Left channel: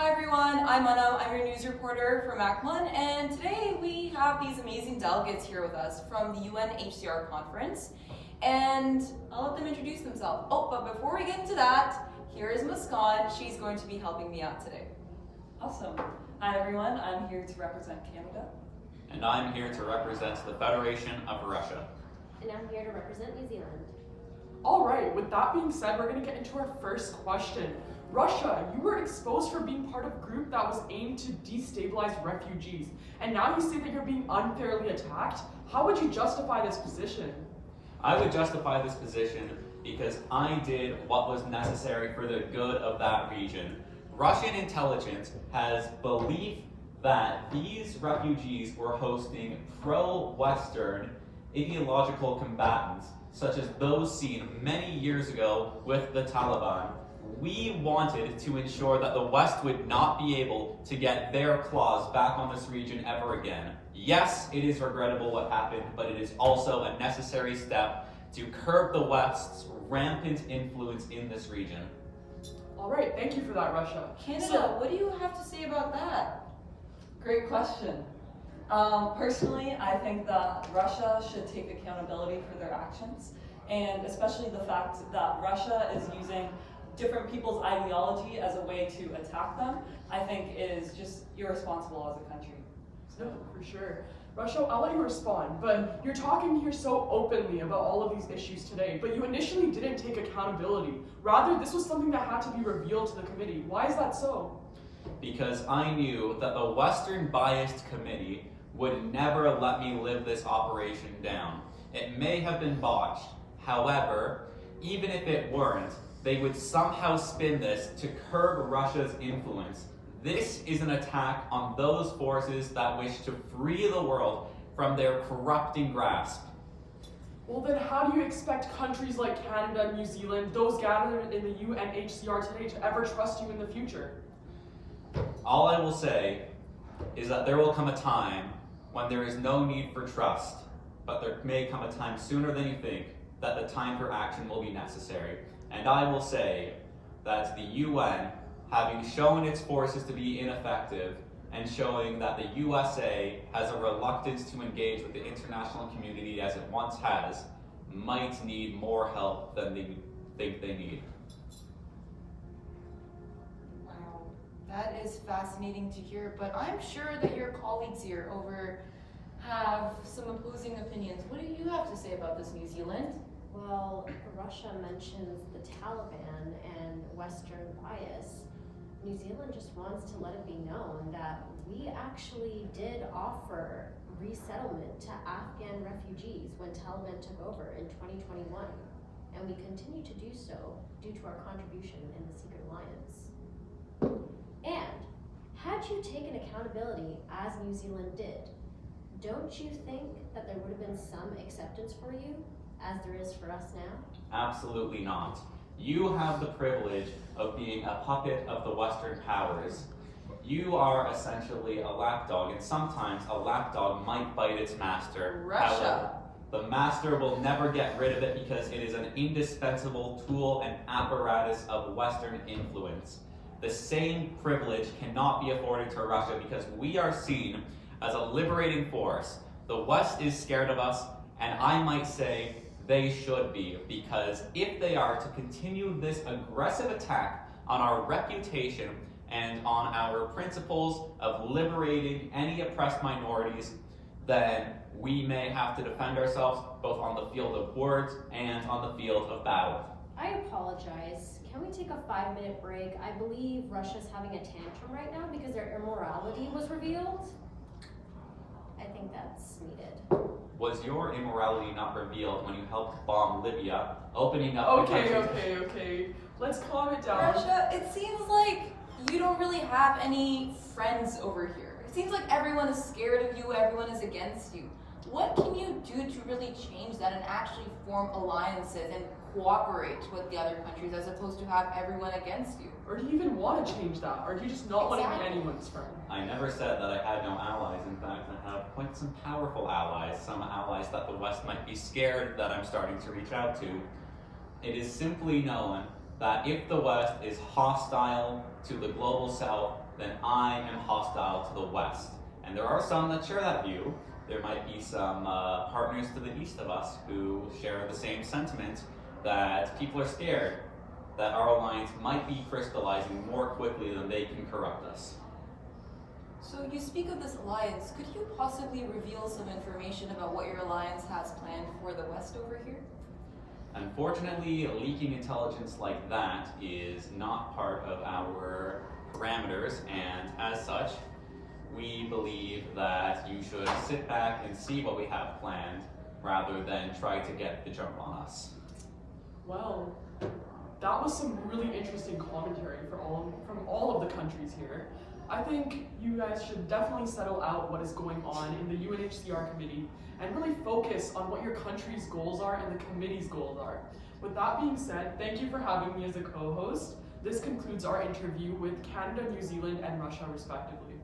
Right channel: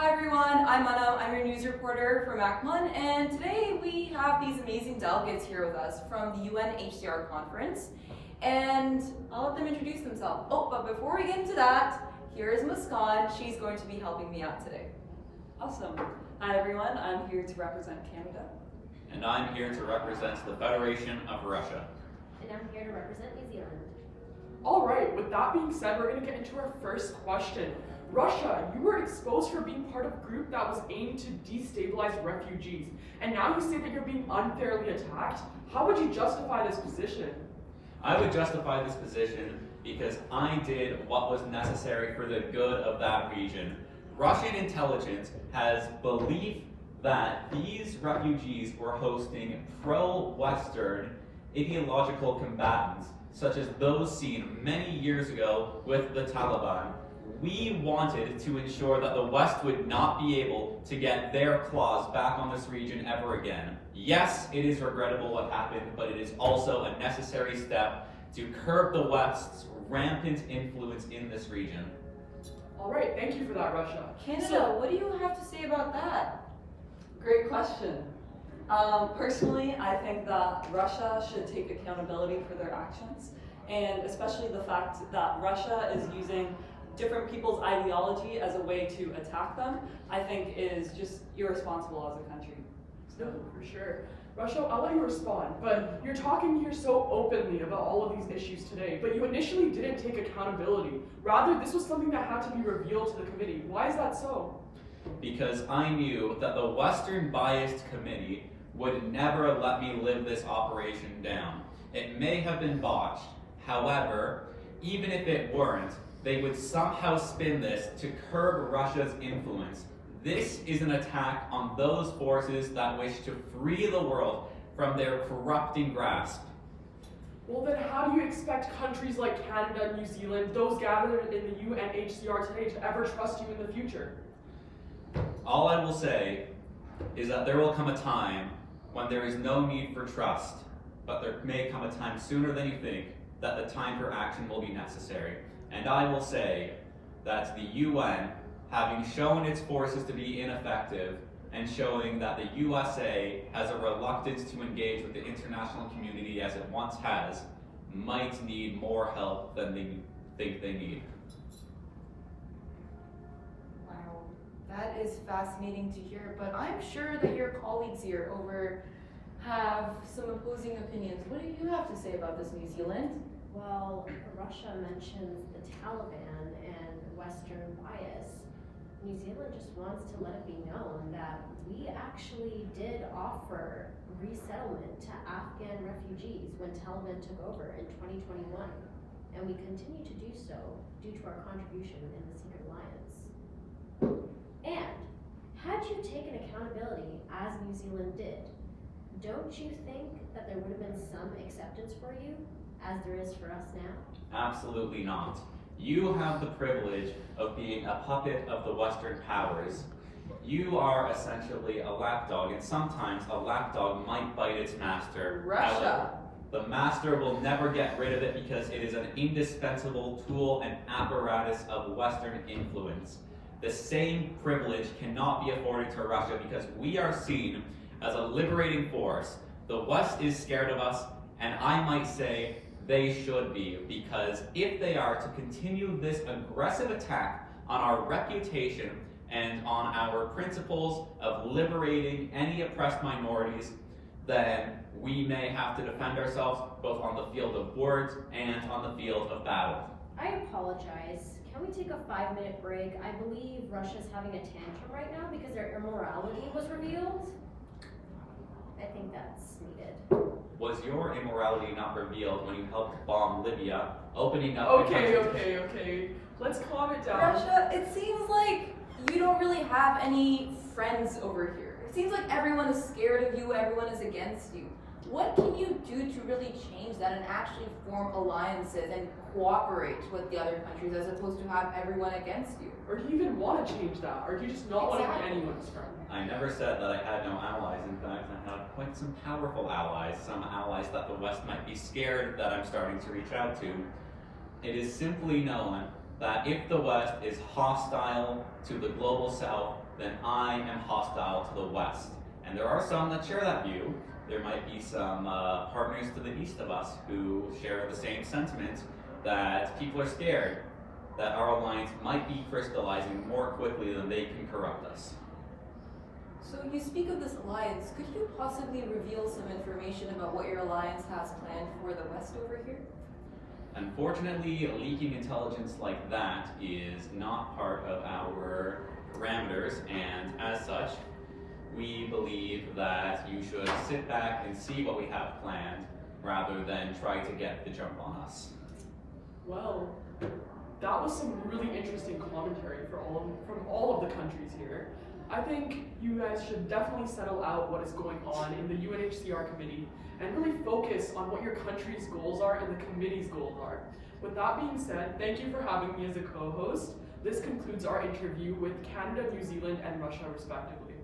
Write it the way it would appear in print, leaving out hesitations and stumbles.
Hi everyone, I'm Anna. I'm your news reporter from ACMON, and today we have these amazing delegates here with us from the UNHCR conference, and I'll let them introduce themselves. Oh, but before we get into that, here is Muskan. She's going to be helping me out today. Awesome. Hi everyone, I'm here to represent Canada. And I'm here to represent the Federation of Russia. And I'm here to represent New Zealand. All right, with that being said, we're going to get into our first question. Russia, you were exposed for being part of a group that was aimed to destabilize refugees, and now you say that you're being unfairly attacked? How would you justify this position? I would justify this position because I did what was necessary for the good of that region. Russian intelligence has belief that these refugees were hosting pro-Western ideological combatants, such as those seen many years ago with the Taliban. We wanted to ensure that the West would not be able to get their claws back on this region ever again. Yes, it is regrettable what happened, but it is also a necessary step to curb the West's rampant influence in this region. All right, thank you for that, Russia. Canada, what do you have to say about that? Great question. Personally, I think that Russia should take accountability for their actions, and especially the fact that Russia is using different people's ideology as a way to attack them, I think is just irresponsible as a country. No, for sure. Russia, I'll let you respond, but you're talking here so openly about all of these issues today, but you initially didn't take accountability. Rather, this was something that had to be revealed to the committee. Why is that so? Because I knew that the Western biased committee would never let me live this operation down. It may have been botched. However, even if it weren't, they would somehow spin this to curb Russia's influence. This is an attack on those forces that wish to free the world from their corrupting grasp. Well then, how do you expect countries like Canada and New Zealand, those gathered in the UNHCR today, to ever trust you in the future? All I will say is that there will come a time when there is no need for trust, but there may come a time sooner than you think that the time for action will be necessary. And I will say that the UN, having shown its forces to be ineffective and showing that the USA has a reluctance to engage with the international community as it once has, might need more help than they think they need. Wow, that is fascinating to hear, but I'm sure that your colleagues here have some opposing opinions. What do you have to say about this, New Zealand? Well, Russia mentions the Taliban and Western bias. New Zealand just wants to let it be known that we actually did offer resettlement to Afghan refugees when Taliban took over in 2021, and we continue to do so due to our contribution in the Secret Alliance. And had you taken accountability as New Zealand did, don't you think that there would have been some acceptance for you, as there is for us now? Absolutely not. You have the privilege of being a puppet of the Western powers. You are essentially a lapdog, and sometimes a lapdog might bite its master. Russia. However, the master will never get rid of it because it is an indispensable tool and apparatus of Western influence. The same privilege cannot be afforded to Russia because we are seen as a liberating force. The West is scared of us, and I might say they should be, because if they are to continue this aggressive attack on our reputation and on our principles of liberating any oppressed minorities, then we may have to defend ourselves both on the field of words and on the field of battle. I apologize. Can we take a 5-minute break? I believe Russia's having a tantrum right now because their immorality was revealed. I think that's needed. Was your immorality not revealed when you helped bomb Libya, opening up Okay. Let's calm it down. Russia, it seems like you don't really have any friends over here. It seems like everyone is scared of you, everyone is against you. What can you do to really change that and actually form alliances and cooperate with the other countries as opposed to have everyone against you? Or do you even want to change that? Or do you just not want to be anyone's friend? I never said that I had no allies. In fact, I have quite some powerful allies, some allies that the West might be scared that I'm starting to reach out to. It is simply known that if the West is hostile to the global South, then I am hostile to the West. And there are some that share that view. There might be some partners to the east of us who share the same sentiment that people are scared that our alliance might be crystallizing more quickly than they can corrupt us. So you speak of this alliance. Could you possibly reveal some information about what your alliance has planned for the West over here? Unfortunately, leaking intelligence like that is not part of our parameters, and as such, we believe that you should sit back and see what we have planned rather than try to get the jump on us. Well, that was some really interesting commentary from all of the countries here. I think you guys should definitely settle out what is going on in the UNHCR committee and really focus on what your country's goals are and the committee's goals are. With that being said, thank you for having me as a co-host. This concludes our interview with Canada, New Zealand, and Russia respectively.